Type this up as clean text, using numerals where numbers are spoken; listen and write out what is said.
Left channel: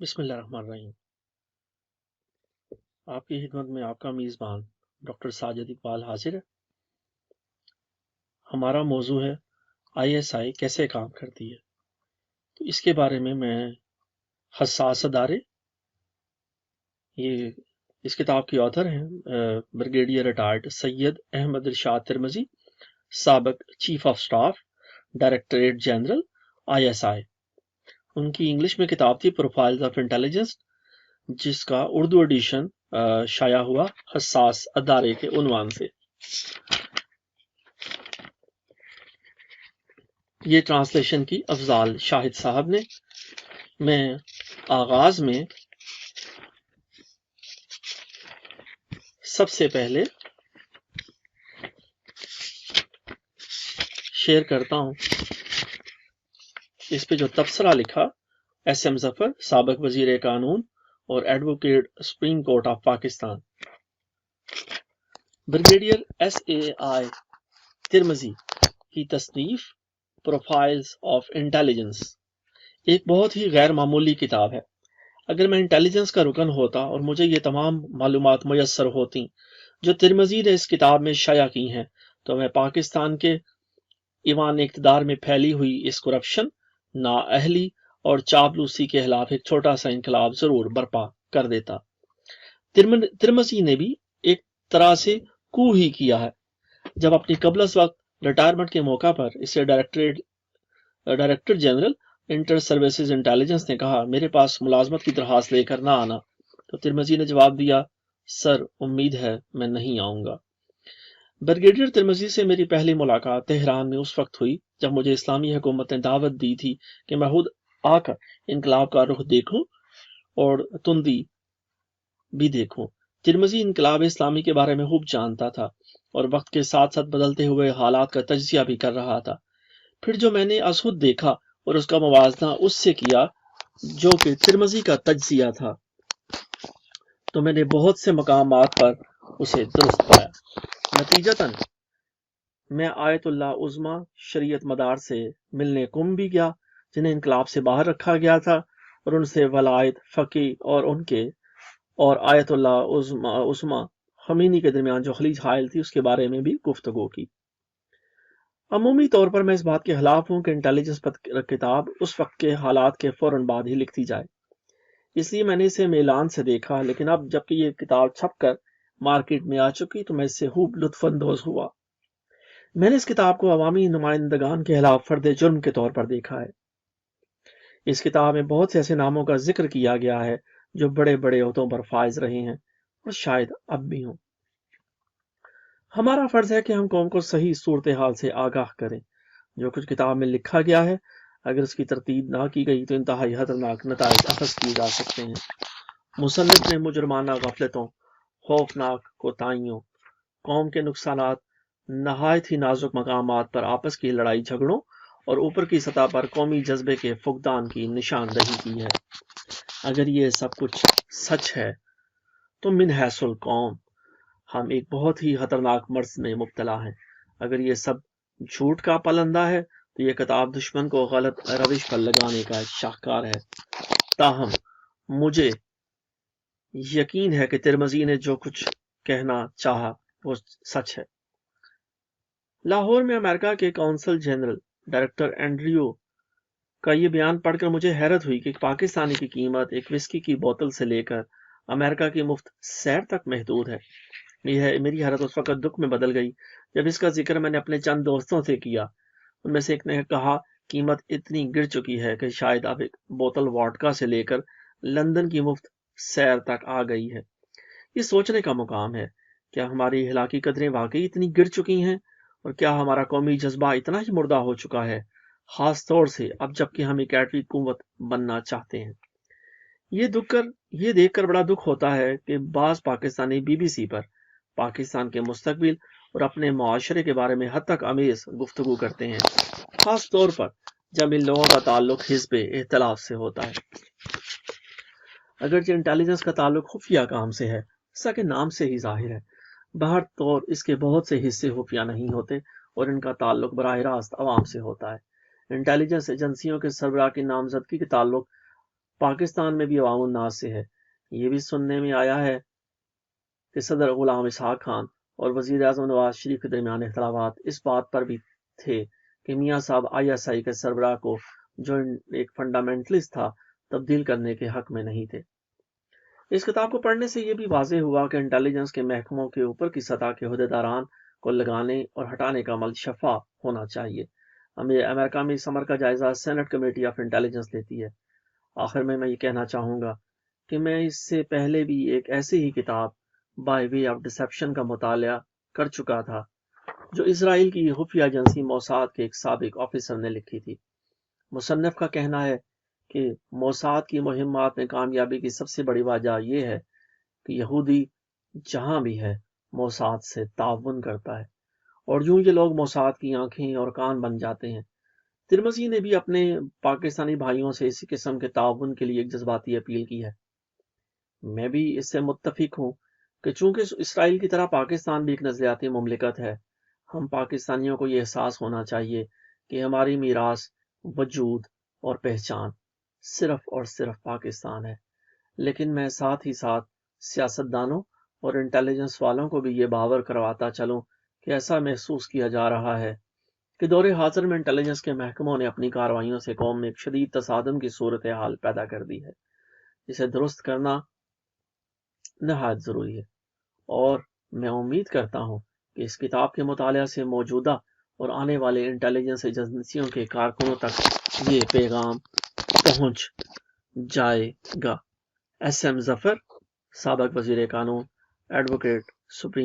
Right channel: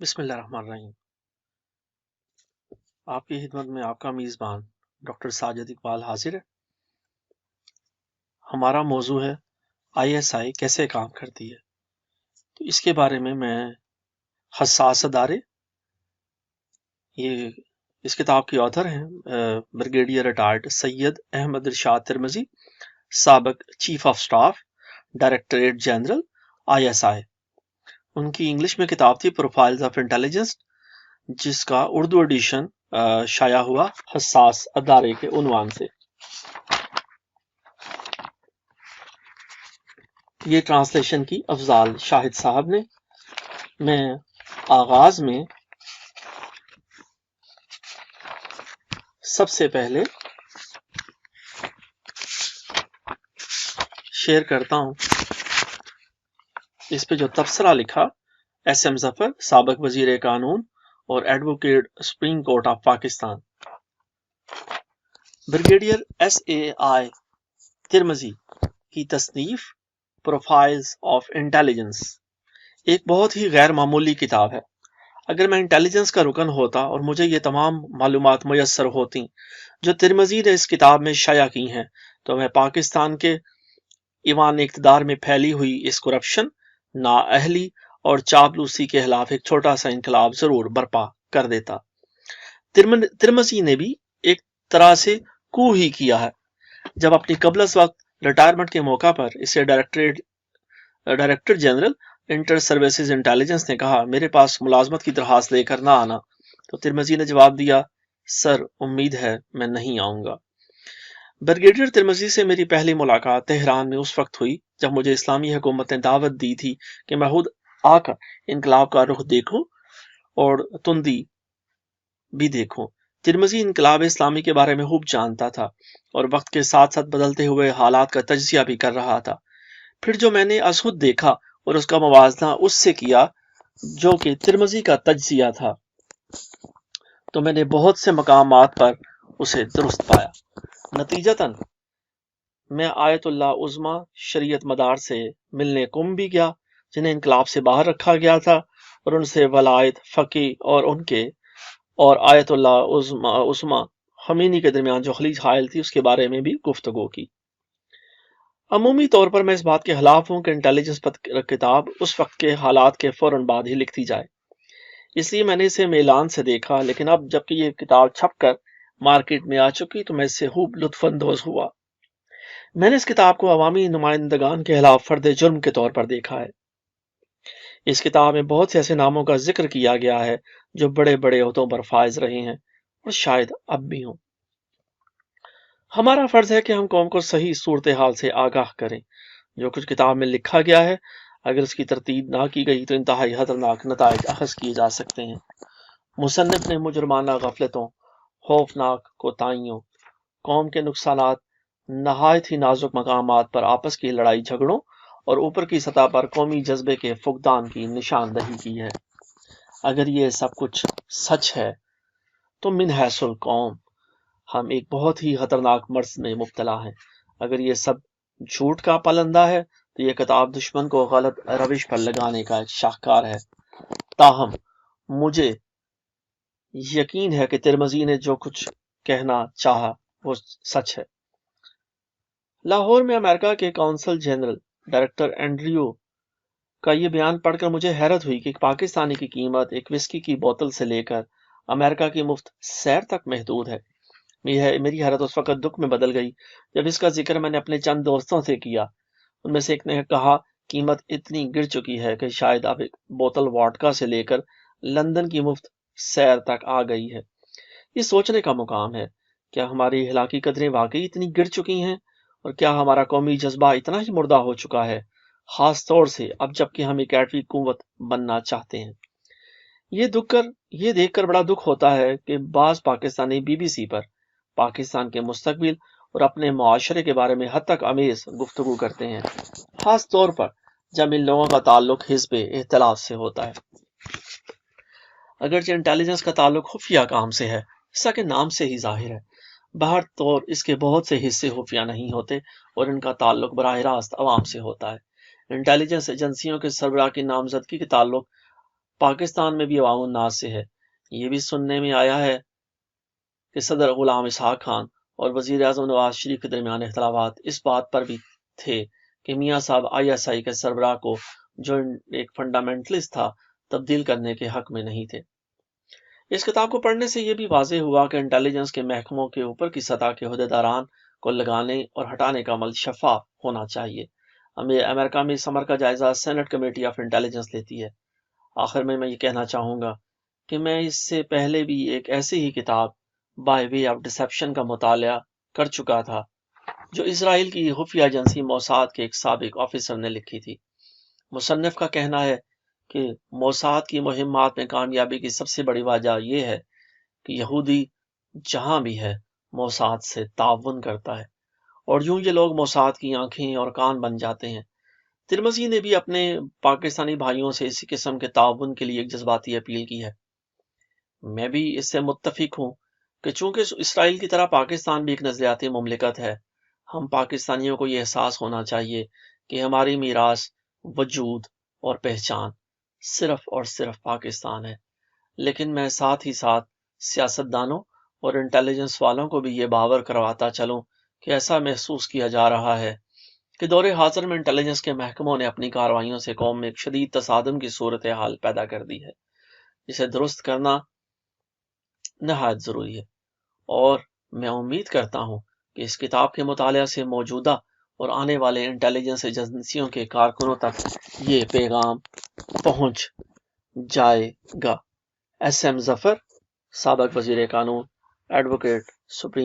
بسم اللہ الرحمن الرحیم۔ آپ کی خدمت میں آپ کا میزبان ڈاکٹر ساجد اقبال حاضر ہے۔ ہمارا موضوع ہے ISI کیسے کام کرتی ہے۔ تو اس کے بارے میں حساس ادارے، یہ اس کتاب کے آتھر ہیں بریگیڈیئر ریٹائرڈ سید احمد ارشاد ترمذی، سابق chief of staff directorate general ISI۔ ان کی انگلش میں کتاب تھی پروفائلز آف انٹیلیجنس، جس کا اردو ایڈیشن شائع ہوا حساس ادارے کے عنوان سے۔ یہ ٹرانسلیشن کی افضال شاہد صاحب نے۔ میں آغاز میں سب سے پہلے شیئر کرتا ہوں اس پہ جو تبصرہ لکھا SM ظفر، سابق وزیر قانون اور advocate supreme court of Pakistan. Brigadier SAI ترمذی کی تصنیف پروفائلز آف انٹیلیجنس ایک بہت ہی غیر معمولی کتاب ہے۔ اگر میں انٹیلیجنس کا رکن ہوتا اور مجھے یہ تمام معلومات میسر ہوتی جو ترمذی نے اس کتاب میں شائع کی ہیں، تو میں پاکستان کے ایوان اقتدار میں پھیلی ہوئی اس کرپشن، نااہلی اور چاپلوسی کے خلاف ایک چھوٹا سا انقلاب ضرور برپا کر دیتا۔ ترمذی نے بھی ایک طرح سے کو ہی کیا ہے جب اپنی قبل از وقت ریٹائرمنٹ کے موقع پر اسے director general inter services intelligence نے کہا میرے پاس ملازمت کی درخواست لے کر نہ آنا، تو ترمذی نے جواب دیا سر امید ہے میں نہیں آؤں گا۔ بریگیڈیئر ترمذی سے میری پہلی ملاقات تہران میں اس وقت ہوئی جب مجھے اسلامی حکومت نے دعوت دی تھی کہ میں خود آ کر انقلاب کا رخ دیکھوں اور تندی بھی دیکھوں۔ ترمذی انقلاب اسلامی کے بارے میں خوب جانتا تھا اور وقت کے ساتھ ساتھ بدلتے ہوئے حالات کا تجزیہ بھی کر رہا تھا۔ پھر جو میں نے از خود دیکھا اور اس کا موازنہ اس سے کیا جو کہ ترمذی کا تجزیہ تھا، تو میں نے بہت سے مقامات پر اسے درست پایا۔ نتیجتاً میں آیت اللہ عظمی شریعت مدار سے ملنے قم بھی گیا جنہیں انقلاب سے باہر رکھا گیا تھا، اور ان سے ولایت فقی اور ان کے اور آیت اللہ عظمی خمینی کے درمیان جو خلیج حائل تھی اس کے بارے میں بھی گفتگو کی۔ عمومی طور پر میں اس بات کے خلاف ہوں کہ انٹیلیجنس پر کتاب اس وقت کے حالات کے فوراً بعد ہی لکھی جائے، اس لیے میں نے اسے میلان سے دیکھا، لیکن اب جبکہ یہ کتاب چھپ کر مارکیٹ میں آ چکی تو میں اس سے خوب لطف اندوز ہوا۔ میں نے اس کتاب کو عوامی نمائندگان کے خلاف فرد جرم کے طور پر دیکھا ہے۔ اس کتاب میں بہت سے ایسے ناموں کا ذکر کیا گیا ہے جو بڑے بڑے عہدوں پر فائز رہے ہیں اور شاید اب بھی ہوں۔ ہمارا فرض ہے کہ ہم قوم کو صحیح صورتحال سے آگاہ کریں۔ جو کچھ کتاب میں لکھا گیا ہے اگر اس کی ترتیب نہ کی گئی تو انتہائی خطرناک نتائج اخذ کیے جا سکتے ہیں۔ مصنف نے مجرمانہ غفلتوں، خوفناک کوتاہیوں، قوم کے نقصانات، نہایت ہی نازک مقامات پر آپس کی لڑائی جھگڑوں اور اوپر کی سطح پر قومی جذبے کے فقدان کی نشاندہی کی ہے۔ اگر یہ سب کچھ سچ ہے تو من حیث القوم ہم ایک بہت ہی خطرناک مرض میں مبتلا ہیں۔ اگر یہ سب جھوٹ کا پلندہ ہے تو یہ کتاب دشمن کو غلط روش پر لگانے کا ایک شاہکار ہے۔ تاہم مجھے یقین ہے کہ ترمذی نے جو کچھ کہنا چاہا وہ سچ ہے۔ لاہور میں امریکہ کے قونصل جنرل ڈائریکٹر اینڈریو کا یہ بیان پڑھ کر مجھے حیرت ہوئی کہ پاکستانی کی قیمت ایک وسکی کی بوتل سے لے کر امریکہ کی مفت سیر تک محدود ہے۔ میری حیرت اس وقت دکھ میں بدل گئی جب اس کا ذکر میں نے اپنے چند دوستوں سے کیا۔ ان میں سے ایک نے کہا قیمت اتنی گر چکی ہے کہ شاید اب ایک بوتل واڈکا سے لے کر لندن کی مفت سیر تک آ گئی ہے۔ یہ سوچنے کا مقام ہے، کیا ہماری اخلاقی قدریں واقعی اتنی گر چکی ہیں، اور کیا ہمارا قومی جذبہ اتنا ہی مردہ ہو چکا ہے، خاص طور سے اب جب کہ ہم ایک ایٹمی قوت بننا چاہتے ہیں۔ یہ دیکھ کر بڑا دکھ ہوتا ہے کہ بعض پاکستانی BBC پر پاکستان کے مستقبل اور اپنے معاشرے کے بارے میں حد تک امیز گفتگو کرتے ہیں، خاص طور پر جب ان لوگوں کا تعلق حزب اختلاف سے ہوتا ہے۔ اگرچہ انٹیلیجنس کا تعلق خفیہ کام سے ہے، جیسا کہ نام سے ہی ظاہر ہے، باہر طور اس کے بہت سے حصے خفیہ نہیں ہوتے اور ان کا تعلق براہ راست عوام سے ہوتا ہے۔ انٹیلیجنس ایجنسیوں کے سربراہ کی نامزدگی کے تعلق پاکستان میں بھی عوام الناس سے ہے۔ یہ بھی سننے میں آیا ہے کہ صدر غلام اسحاق خان اور وزیر اعظم نواز شریف کے درمیان اختلافات اس بات پر بھی تھے کہ میاں صاحب ISI کے سربراہ کو، جو ایک فنڈامنٹلسٹ تھا، تبدیل کرنے کے حق میں نہیں تھے۔ اس کتاب کو پڑھنے سے یہ بھی واضح ہوا کہ انٹیلیجنس کے محکموں کے اوپر کی سطح کے عہدیداران کو لگانے اور ہٹانے کا عمل شفاف ہونا چاہیے۔ امریکہ میں اس امر کا جائزہ سینٹ کمیٹی آف انٹیلیجنس لیتی ہے۔ آخر میں یہ کہنا چاہوں گا کہ میں اس سے پہلے بھی ایک ایسی ہی کتاب بائی وے آف ڈسیپشن کا مطالعہ کر چکا تھا، جو اسرائیل کی خفیہ ایجنسی موساد کے ایک سابق آفیسر نے لکھی تھی۔ مصنف کا کہنا ہے کہ موساد کی مہمات میں کامیابی کی سب سے بڑی وجہ یہ ہے کہ یہودی جہاں بھی ہے موساد سے تعاون کرتا ہے، اور یوں یہ لوگ موساد کی آنکھیں اور کان بن جاتے ہیں۔ ترمذی نے بھی اپنے پاکستانی بھائیوں سے اسی قسم کے تعاون کے لیے ایک جذباتی اپیل کی ہے۔ میں بھی اس سے متفق ہوں کہ چونکہ اسرائیل کی طرح پاکستان بھی ایک نظریاتی مملکت ہے، ہم پاکستانیوں کو یہ احساس ہونا چاہیے کہ ہماری میراث، وجود اور پہچان صرف اور صرف پاکستان ہے۔ لیکن میں ساتھ ہی ساتھ سیاستدانوں اور انٹیلیجنس والوں کو بھی یہ باور کرواتا چلوں کہ ایسا محسوس کیا جا رہا ہے کہ دور حاضر میں انٹیلیجنس کے محکموں نے اپنی کارروائیوں سے قوم میں ایک شدید تصادم کی صورتحال پیدا کر دی ہے، جسے درست کرنا نہایت ضروری ہے۔ اور میں امید کرتا ہوں کہ اس کتاب کے مطالعہ سے موجودہ اور آنے والے انٹیلیجنس ایجنسیوں کے کارکنوں تک یہ پیغام پہنچ جائے گا۔ SM ظفر، سابق وزیر قانون، ایڈوکیٹ، سپریم